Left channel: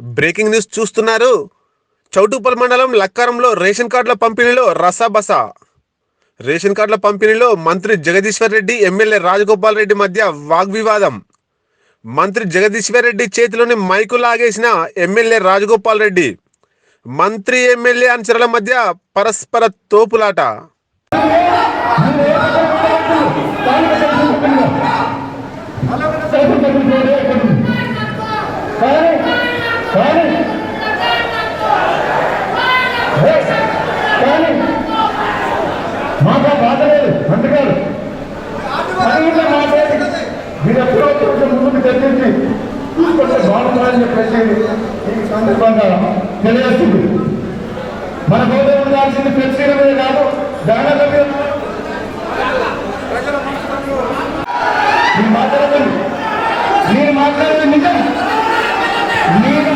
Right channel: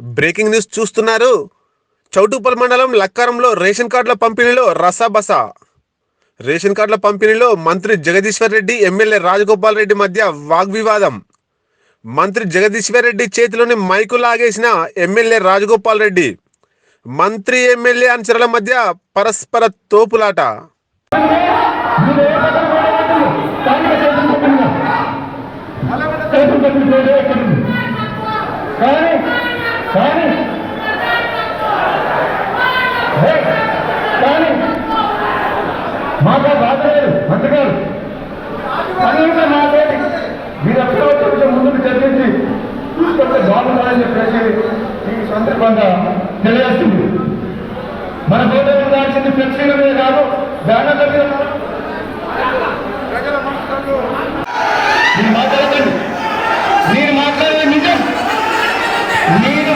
Breaking news చూస్తున్నారు. చౌటుపల్ మండలం లక్కారంలో ration కార్డుల పంపిణీలో రసాబస. రేషన్ కార్డుల పంపిణీలో మంత్రి జగదీశ్వర్ రెడ్డి ఎమ్మెల్యే రాజగోపాల్ రెడ్డి మధ్య వాగ్వివాదం. మంత్రి జగదీశ్వర్ రెడ్డి చేతిలోని మైకు లాగేసిన ఎమ్మెల్యే రాజగోపాల్ రెడ్డి. మంత్రి ఎమ్మెల్యే అనుచరుల మధ్య పరస్పర తోపులాట. తెలియజేస్తుంది మన గౌరవం ఉండాల్సింది ఫ్లెక్సీల మీద కాదు బ్యానర్ల మీద మీరు మాట్లాడకండి. మీరు మాట్లాడేది నిజం. నేను